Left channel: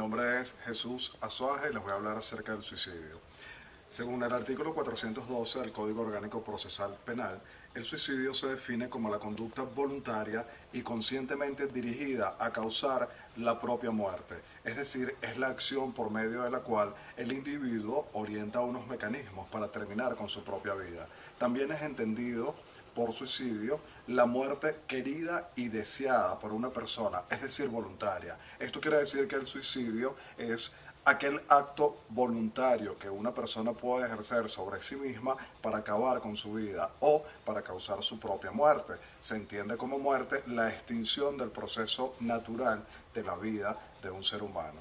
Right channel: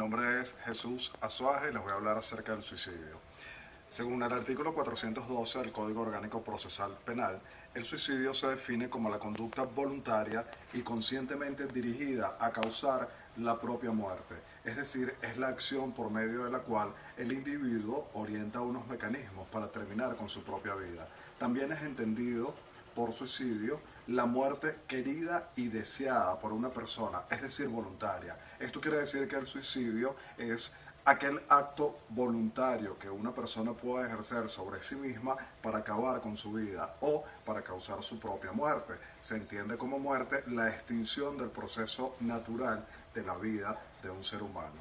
Mi nombre es Jesús Azuaje y les voy a hablar acerca del suicidio. Según el artículo 412 del Código Orgánico Procesal Penal, el suicidio se define como la conducta voluntaria y conscientemente dirigida a causar la propia muerte, es decir, es la acción por medio de la cual el individuo orienta unos mecanismos para terminar con su propia vida. También es entendido por suicidio la muerte querida y deseada por una persona, es decir, voluntaria. Esto quiere decir que el suicidio es aquel acto voluntario que una persona puede ejercer sobre sí misma para acabar con su vida o para causar su propia muerte. Se entiende como muerte la extinción del proceso natural de la vida de un ser humano.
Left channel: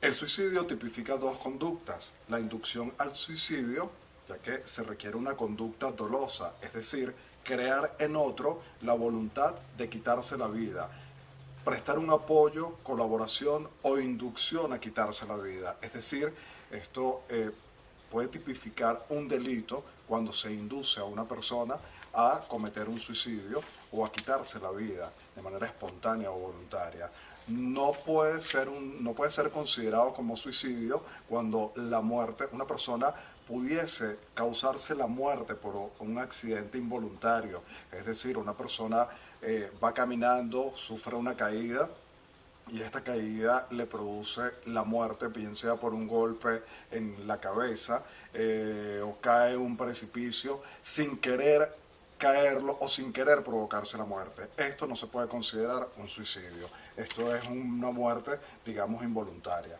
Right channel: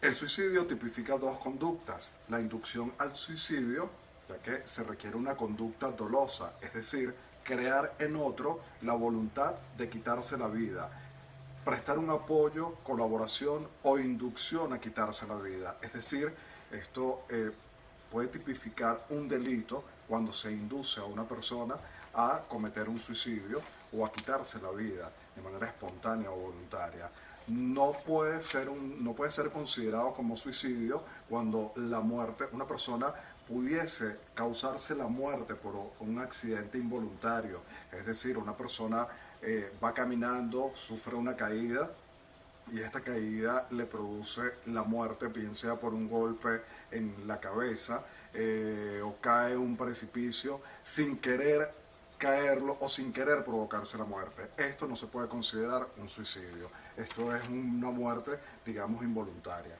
El suicidio tipifica dos conductas: la inducción al suicidio, ya que se requiere una conducta dolosa, es decir, crear en otro la voluntad de quitarse la vida, prestar un apoyo, colaboración o inducción a quitarse la vida. Es decir, esto puede tipificar un delito cuando se induce a una persona a cometer un suicidio o a quitarse la vida de manera espontánea o voluntaria. No puede ser considerado como suicidio cuando la muerte, una persona pudiese causarse la muerte por un accidente involuntario, es decir, una persona va caminando, sufre una caída y esta caída le produce la muerte, bien sea por un golpe en la cabeza o cae en un precipicio sin querer caerlo o sin querer provocarse la muerte. Esto no se puede considerar un suicidio. Esto es una muerte, digamos, involuntaria.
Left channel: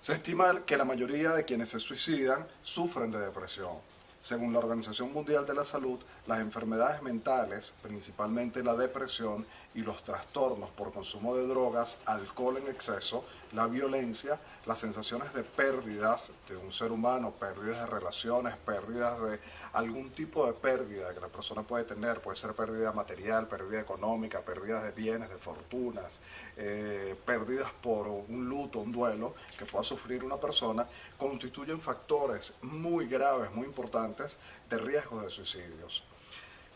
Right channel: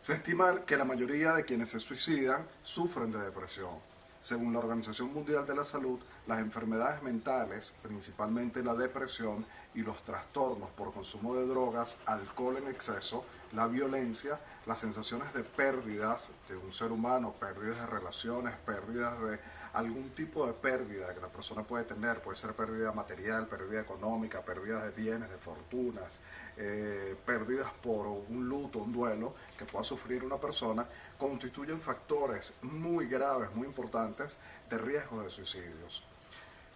Se estima que la mayoría de quienes se suicidan sufren de depresión. Según la Organización Mundial de la Salud, las enfermedades mentales, principalmente la depresión y los trastornos por consumo de drogas, alcohol en exceso, la violencia, las sensaciones de pérdidas de un ser humano, pérdidas de relaciones, pérdidas de algún tipo de pérdida que la persona puede tener, puede ser pérdida material, pérdida económica, pérdidas de bienes, de fortunas, pérdidas por un luto, un duelo que pueda sufrir una persona, constituyen factores muy graves, muy importantes de riesgo de suicidios.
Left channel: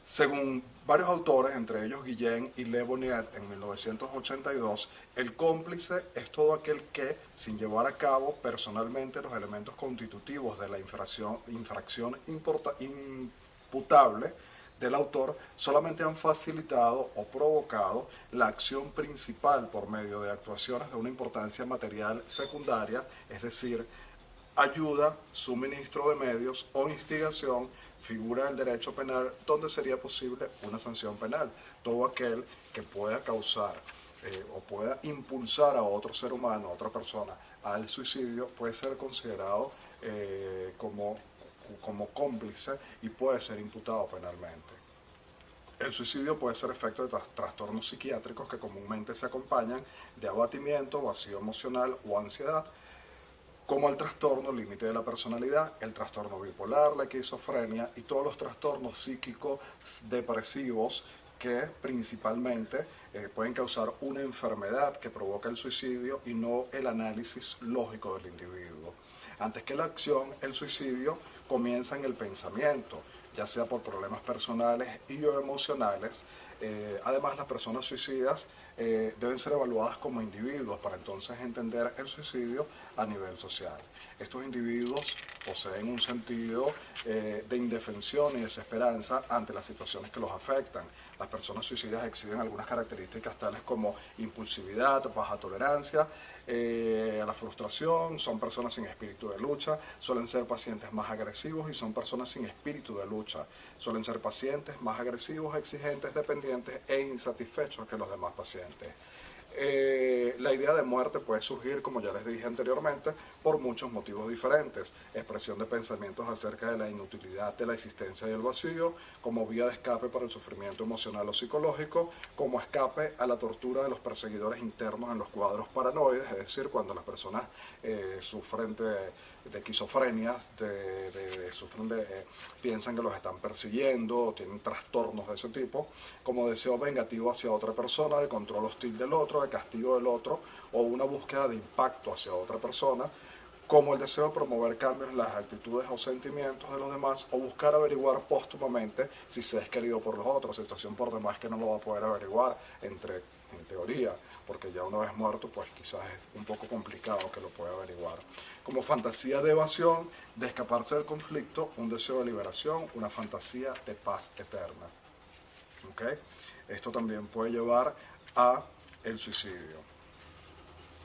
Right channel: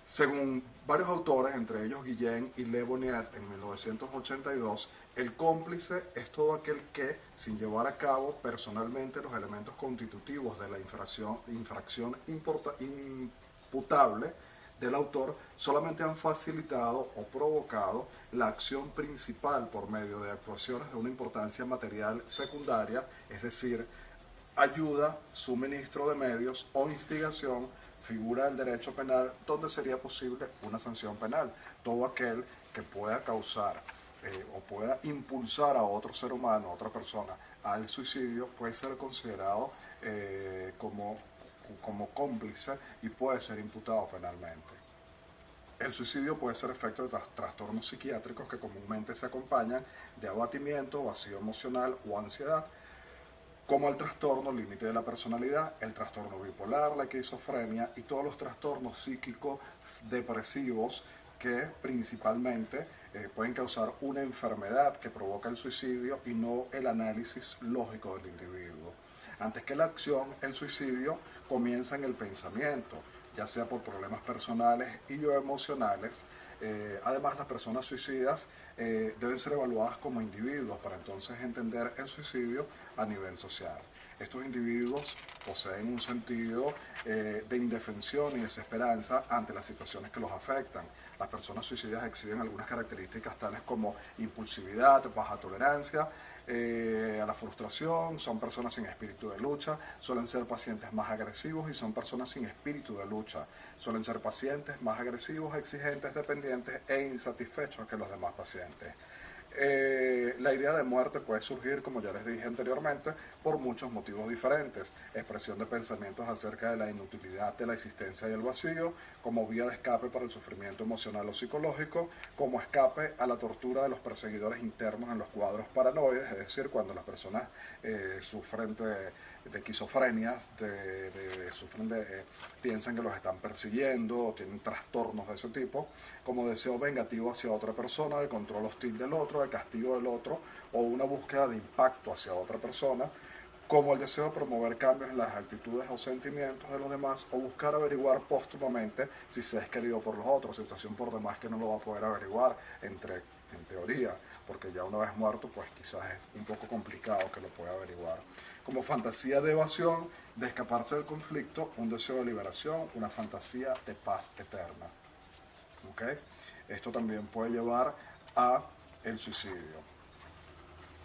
Según varios autores, entre ellos Guillén y Le Bonnier, en 1982, el cómplice es todo aquel que, sin llevar a cabo personalmente los elementos constitutivos de la infracción imputable del autor, solamente han facilitado o provocado la acción principal por medio de actuaciones de una importancia material secundaria, es decir, ayuda, suministro de medios o instigación, figura del derecho penal donde sería posible una sanción penal. Todo aquel que pueda causar o pueda impulsar a otro ser humano, a otra persona, al suicidio puede ser considerado como cómplice y puede ser imputado penalmente. El suicidio puede ser efecto de trastornos psiquiátricos que comúnmente se acompañan de abatimiento, vacío emocional o ansiedad, como el trastorno límite de la personalidad, el trastorno bipolar, la esquizofrenia y todos los trastornos psíquicos depresivos que principalmente pueden causar una enfermedad que provoca el suicidio y no el análisis lógico del individuo. Antes que la acción, el suicidio comienza en el pensamiento, ya sea por problemas personales y o emocionales. Además, las personas suicidas deben ser evaluadas como individuos para entonces entender el suicidio a nivel social. Estos individuos poseen un sentido de indefensión y desesperanza ante las situaciones que los afectan. Las personas suicidas exhiben algunas características tales como impulsividad, baja tolerancia a la frustración, son personas sin espíritu de lucha, suelen ser pacientes más agresivos y son personas sin espíritu de lucha. Suelen ser pacientes más agresivos, exigentes, dependientes e insatisfechos que los demás pacientes. La idea de muerte puede surgir, como ya les dije anteriormente, por muchos motivos diferentes. Expresión de pensamientos acerca de la inutilidad de la existencia y el vacío, como vía de escape para el sufrimiento emocional o psicológico, como escape a la tortura de los perseguidores internos en los cuadros paranoides, es decir, cuando las personas sufren de esquizofrenias, piensan que los están persiguiendo, tienen trastornos de ese tipo, como deseo vengativo hacia otra persona, de control hostil del otro, de castigo del otro, o una búsqueda de impacto hacia otra persona, como el deseo de promover cambios en las actitudes o sentimientos de los demás, o buscar averiguar póstumamente si se es querido por los otros, situación por demás que no lo va a poder averiguar entre en teoría, porque ya una vez muerto, pues quizás es un poco complicado que lo pueda averiguar. Como fantasía de evasión, de escaparse del conflicto, un deseo de liberación, una fantasía de paz eterna. ¿Okay? Esto también puede llevar a el suicidio.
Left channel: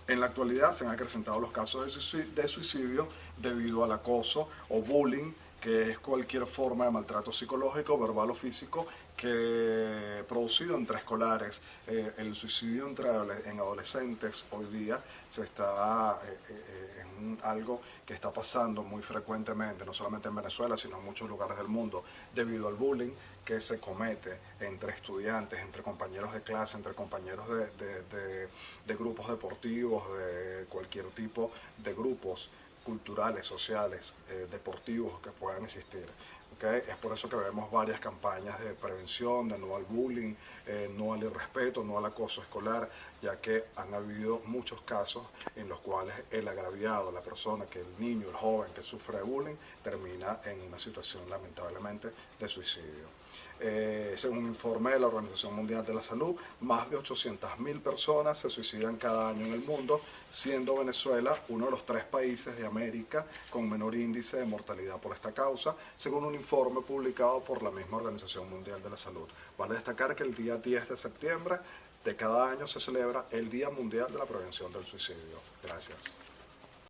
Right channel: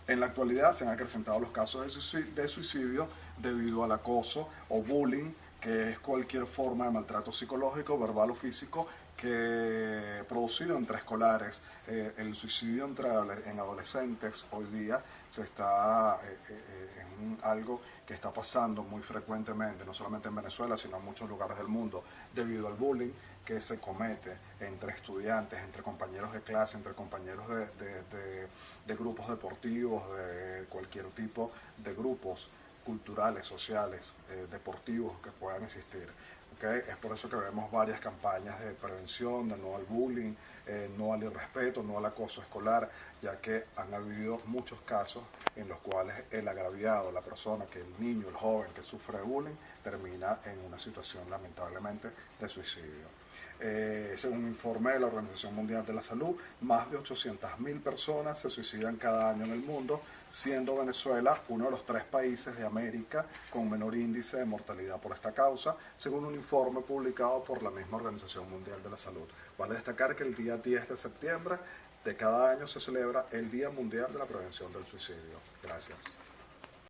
En la actualidad se han acrecentado los casos de suicidio debido al acoso o bullying, que es cualquier forma de maltrato psicológico, verbal o físico que producido entre escolares. El suicidio en adolescentes hoy día es algo que está pasando muy frecuentemente, no solamente en Venezuela, sino en muchos lugares del mundo, debido al bullying que se comete entre estudiantes, entre compañeros de clase, entre compañeros de grupos deportivos, de cualquier tipo de grupos culturales, sociales, deportivos que puedan existir. ¿Okay? Es por eso que vemos varias campañas de prevención, de no al bullying, no al irrespeto, no al acoso escolar, ya que han habido muchos casos en los cuales el agraviado, la persona, que el niño, el joven que sufre de bullying, termina en una situación lamentablemente de suicidio. Según un informe de la Organización Mundial de la Salud, más de 800.000 personas se suicidan cada año en el mundo, siendo Venezuela uno de los 3 países de América con menor índice de mortalidad por esta causa, según un informe publicado por la misma Organización Mundial de la Salud. Vale destacar que el día 10 de septiembre de cada año se celebra el Día Mundial de la Prevención del Suicidio. Gracias.